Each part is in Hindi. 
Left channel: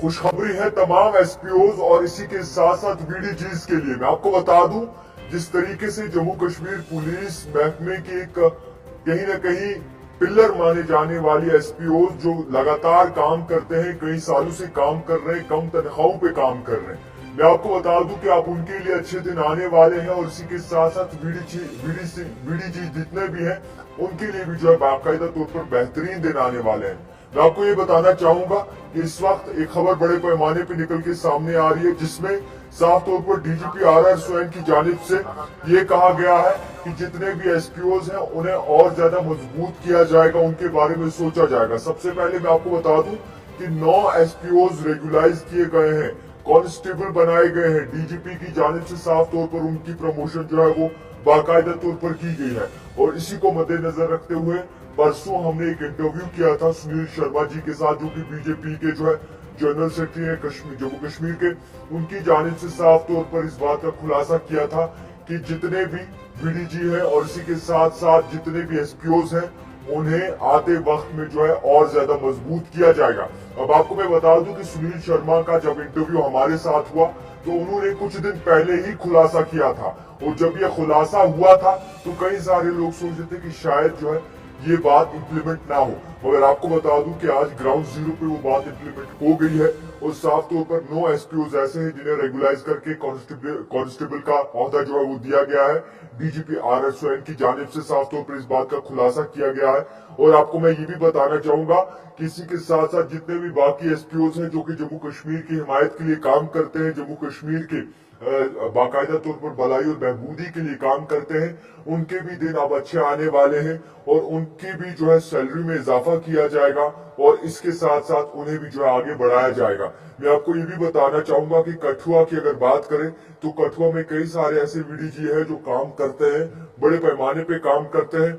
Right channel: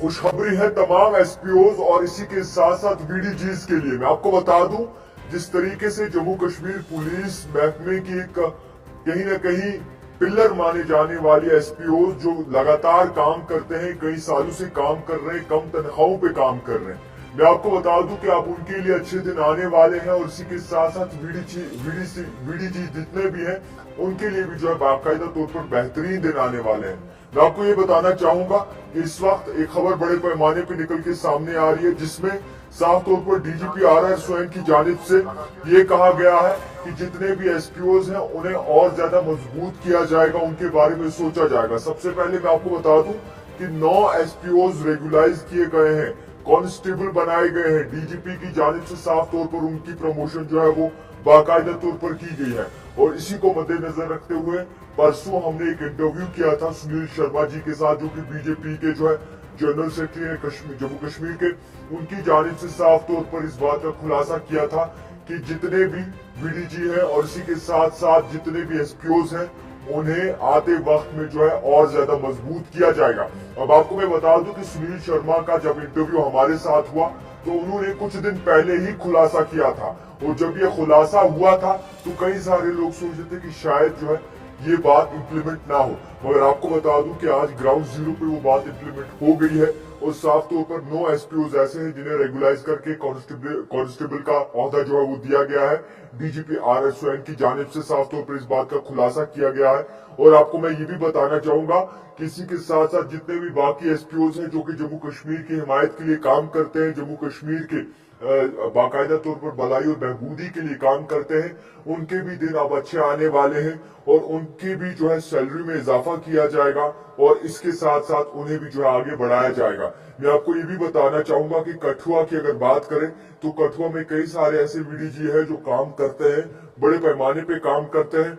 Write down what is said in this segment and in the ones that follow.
खुशखबरी है तमाम एसपीओज और इसी के साथ साथ वीडीजीज के लिए। मैं आपको बता दूं, जिस तरीके से जम्मू कश्मीर पुलिस महकमे की एक कहीं ना कहीं पिल्लर माने जाने वाली एसपीओज जो लगातार काम करते हैं, कई सालों से काम कर रहे हैं, कम तनख्वाहों पे काम कर रहे हैं। मैं आपको बता दूं कि आप उनके लिए अच्छे दिन आने वाले हैं और इसी के साथ साथ वीडीजी जितने भी हैं उनके लिए भी जो है बाकायदा तौर पर बेहतरीन दिन आने वाले हैं। मैं आपको ये बताना चाहूंगा कि इस वक्त एक खबर बड़े पैमाने पर निकल के सामने आ रही है, जिसमें साफ तौर पर डीजीपी RR स्वयं की जानिब से ये कहा गया है कि जितने भी एसपीओज हैं उन्हें और ज्यादा मजबूत किया जाएगा, उनके बारे में सोचा जाएगा। सबसे पहले मैं आपको बता दूं कि 9 एसपीओज रेगुलाइज किए गए हैं, कांस्टेबल बनाए गए हैं। डीजीपी की जानिब से साफ तौर पर उनकी प्रमोशन जो है वो बाकायदा तौर पर की गई है। और इसी को मद्देनजर रखते हुए परसों हमने एक इंटरव्यू किया था सुनील शर्मा जी के साथ, जो कि बीजेपी के जो है जनरल सेक्रेटरी है जम्मू कश्मीर के। उनकी जानिब से साफ तौर पर इस बात का खुलासा किया था कि जितने भी वीडीजी हैं और इसी के साथ साथ जितने भी एसपीओज हैं उन्हें आते वक्त में जो है और ज्यादा मजबूत किया जाएगा। अब आपको मैं बता दूं कि सुनील शर्मा का जब इंटरव्यू हमारे साथ हुआ तो उन्होंने कुछ दिन पहले ही खुलासा किया था, और जब ये खुलासा हुआ था तो कई सारे लोग सोच रहे थे कि शायद जो है ये बात इंप्लीमेंट ना हो, मगर आपको बता दूं कि आज ग्राउंड जीरो पे वो बात इंप्लीमेंट हो गई है। और साफ तौर पर 9 एसपीओज ऐसे हैं जिन्हें रेगुलाइज करके कांस्टेबल का ओहदा जो है वो दिया गया है। डीजीपी RR स्वयं की जानिब से साफ तौर पर इस बात का खुलासा किया गया है। और आपको मैं ये भी बताना चाहूंगा कि इसी के साथ साथ जितने भी बाकी एसपीओज हैं जो कि जम्मू कश्मीर की हिमायत के लिए काम करते हैं, जम्मू कश्मीर के बाकायदा तौर पर भलाई और बहबूदी के लिए काम करते हैं, उनके भी दिन अब अच्छे आने वाले हैं और उनकी भी जो है सैलरी में इजाफा किया जाएगा और इसके साथ साथ उन्हें भी जो है आगे बढ़ाया जाएगा। मैं आपको ये भी बताना चाहूंगा कि कठुआ की अगर बात करें तो कठुआ में कई सारे ऐसे वीडीजी है जो काम करते हैं, बड़े पैमाने पे काम करते हैं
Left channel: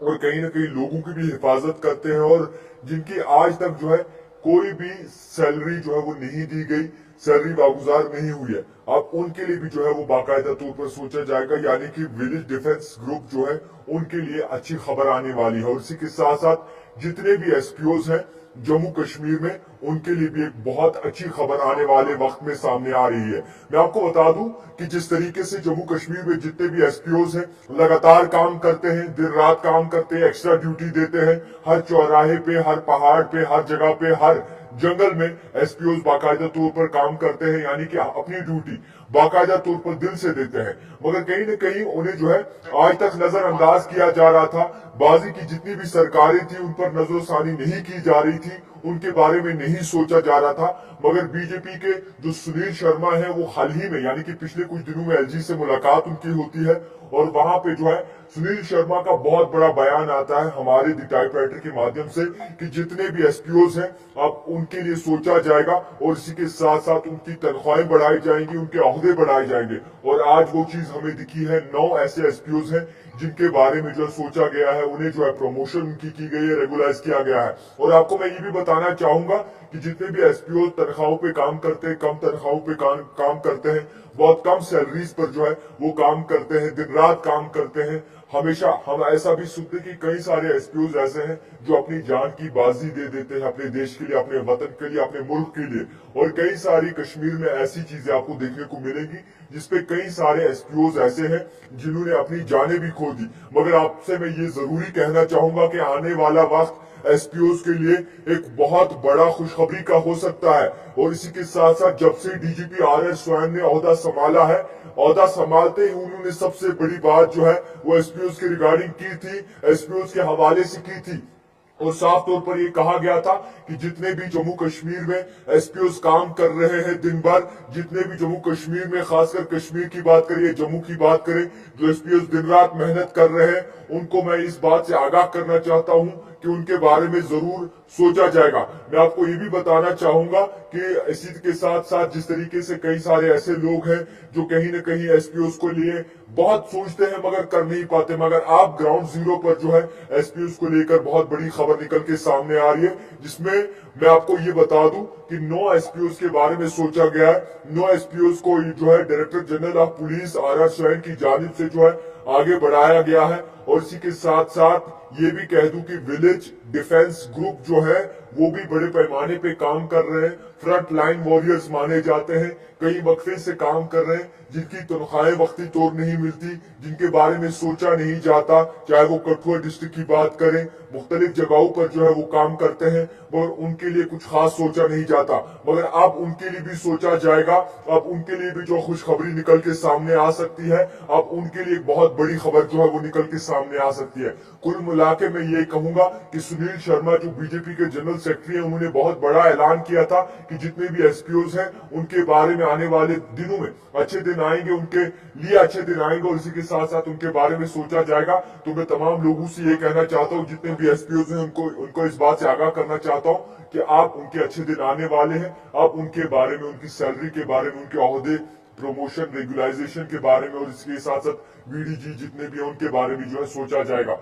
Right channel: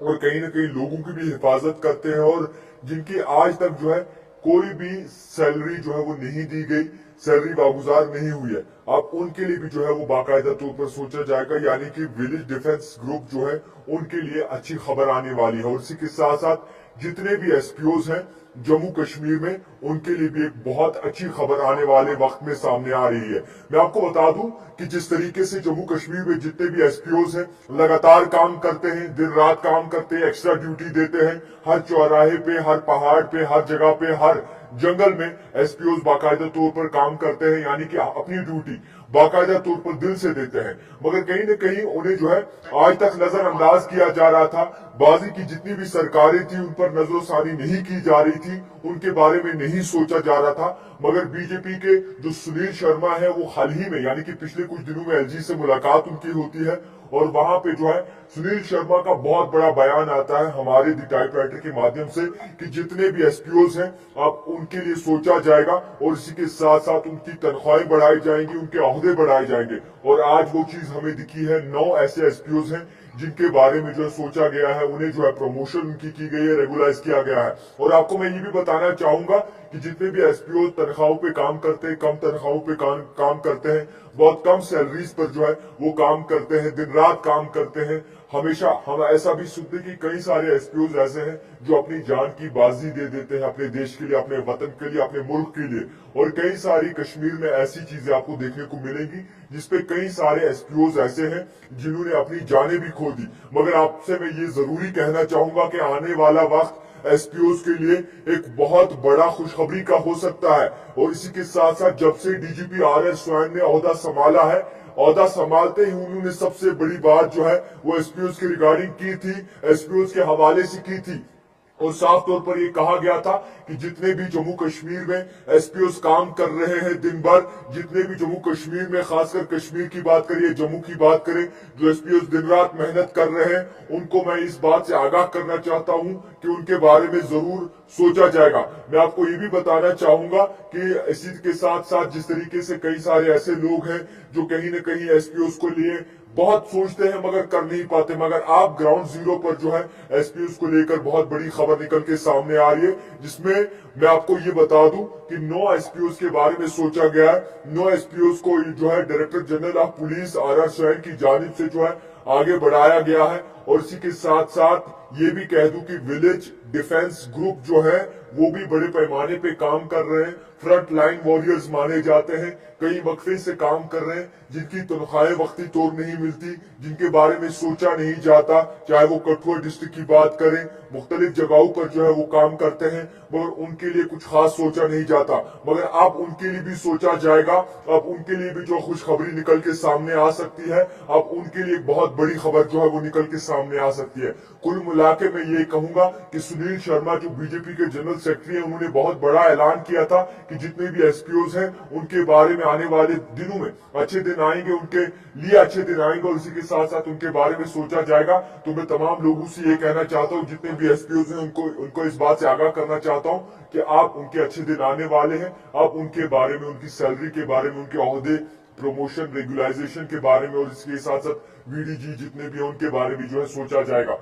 और कहीं ना कहीं लोगों की भी हिफाजत करते हैं, और जिनकी आज तक जो है कोई भी सैलरी जो है वो नहीं दी गई, सैलरी वागुजार नहीं हुई है। अब उनके लिए भी जो है वो बाकायदा तौर पर सोचा जाएगा, यानी कि विलेज डिफेंस ग्रुप जो है उनके लिए अच्छी खबर आने वाली है। और इसी के साथ साथ जितने भी एसपीओज हैं जम्मू कश्मीर में उनके लिए भी एक बहुत अच्छी खबर आने वाले वक्त में सामने आ रही है। मैं आपको बता दूं कि जिस तरीके से जम्मू कश्मीर में जितने भी एसपीओज हैं लगातार काम करते हैं, दिन रात काम करते हैं, एक्स्ट्रा ड्यूटी देते हैं, हर चौराहे पे, हर पहाड़ पे, हर जगह पे, हर जंगल में एसपीओज बाकायदा तौर पर काम करते हैं, यानी कि अपनी ड्यूटी बाकायदा तौर पर दिल से देते हैं। मगर कहीं न कहीं उन्हें जो है आज तक नजरअंदाज किया जा रहा था। बाजी की जितनी भी सरकारें थी उन पर नजरोसानी नहीं की जा रही थी, उनके बारे में नहीं सोचा जा रहा था। मगर बीजेपी के जो सुनील शर्मा है वो हाल ही में यानी कि पिछले कुछ दिनों में LG से मुलाकात उनकी होती है और वहां पे जो है सुनील शर्मा का बहुत बड़ा बयान आता है हमारे दी टाइपराइटर के माध्यम से कि जितने भी एसपीओज हैं अब उनके लिए सोचा जाएगा और इसी के साथ साथ उनकी तनख्वाहें बढ़ाई जाएंगी, उनके ओहदे बढ़ाए जाएंगे। और आज वो चीज हमें दिखी है। 9 ऐसे एसपीओज हैं जिनके बारे में जो है सोचा गया है, उन्हें जो है प्रमोशन उनकी की गई है, रेगुलाइज किया गया है। और आपको मैं ये भी बताना चाहूंगा कि जितने भी एसपीओ तनख्वाहों पे काम करते हैं, कम तनख्वाहों पे काम करते हैं, बहुत कम सैलरीज पर जो है वो काम करते हैं, दिन रात काम करते हैं। हमेशा हम ऐसा भी सुनते कि कई सारे एसपीओज ऐसे हैं जो अपनी जान की बाजी दे देते हैं अपने देश के लिए, अपने वतन के लिए, अपने मुल्क के लिए। और कई सारी कश्मीर में ऐसी चीजें आपको देखने को मिलेंगी जिसपे कई सारे एसपीओज ऐसे हैं जिन्होंने अपनी जानें भी खो दी। मगर आपसे मैं ये जरूरी कहना चाहूंगा कि आने वाला वक्त एसपीओज के लिए एक बहुत बड़ा खुशखबरी का हो सकता है। और इसी के साथ साथ जब से डीजीपी RR स्वयं ने ओहदा संभाला है, ओहदा संभालते ही उन्होंने सबसे बड़ी बात जो है वो एसपीओज के रिगार्डिंग की थी, एसपीओज के हवाले से की थी। और साफ तौर पर यह कहा गया था कि जितने भी जम्मू कश्मीर में एसपीओज काम कर रहे हैं दिन भर, जितने भी जम्मू कश्मीर में, खासकर कश्मीर की बात करिए, जम्मू की बात करें, जो एसपीओज दिन रात मेहनत कर रहे हैं, उनको मैं इस बात से आगाह करना चाहता हूं कि उनके बारे में जरूर सोचा जाएगा। मैं आपको ये भी बताना चाहूंगा कि इसी के साथ साथ जिस तरीके से कई सारे ऐसे लोग हैं जो कहीं न कहीं एसपीओज को लिए बहुत सोचते हैं मगर कर नहीं पाते, मगर आप ग्राउंड जीरो पर जो है एसपीओज को लेकर बहुत बड़ी खबर निकल के सामने आ रही है, जिसमें मैं आपको ये बता दूं कि 9 एसपीओज के बारे में सोचा गया है। 9 एसपीओज को जो है director general of police RR स्वयं की जानिब से जो है आगे बढ़ाया गया है। और इसी के साथ साथ ये भी कह दूं कि विलेज डिफेंस ग्रुप जो है वो भी बड़े पैमाने पे काम कर रहे हैं। फ्रंट लाइन वॉरियर्स माने जाते हैं, कई वक्फे से काम कर रहे हैं, जिनकी तनख्वाहें वक्ती तौर नहीं मिलती, जिनके बारे में सोचा नहीं जाता, चाहे वो कठुआ डिस्ट्रिक्ट की बात करें, मुख्तलिफ जगहों पर जो है वो काम करते हैं, मगर उनके लिए कुछ खास सोचा नहीं जाता। मगर अब उनके लिए भी सोचा जाएगा, अब उनके लिए भी जो खुशखबरी निकल के सामने आ सकती है, अब उनके लिए एक बहुत बड़ी खबर जो है वो निकल के सामने आ सकती है। कुल मिला के मैं ये कहूंगा कि सुनील शर्मा जो बीजेपी के जनरल सेक्रेटरी हैं, उन्होंने बहुत बड़ा ऐलान किया था कि जितने भी एसपीओज हैं उनके बारे में आने वाले दिनों में अच्छे दिन आएंगे, उनके लिए अच्छे दिन आएंगे और इसी के साथ साथ उनके बारे में सोचा जाएगा। तो मैं तमाम लोगों से ये कहना चाहता हूँ, जितने भी एसपीओज हैं उनको इस बात से आगाह करना चाहता हूँ कि आप उनके अच्छे दिन आने वाले हैं। आप उनके बारे में, उनकी सैलरी के बारे में, उनके ओहदे, प्रमोशन, रेगुलाइजेशन के बारे में और इसके साथ साथ वीडीजी जितने भी हैं उनके बारे में जो है सोचा जाएगा।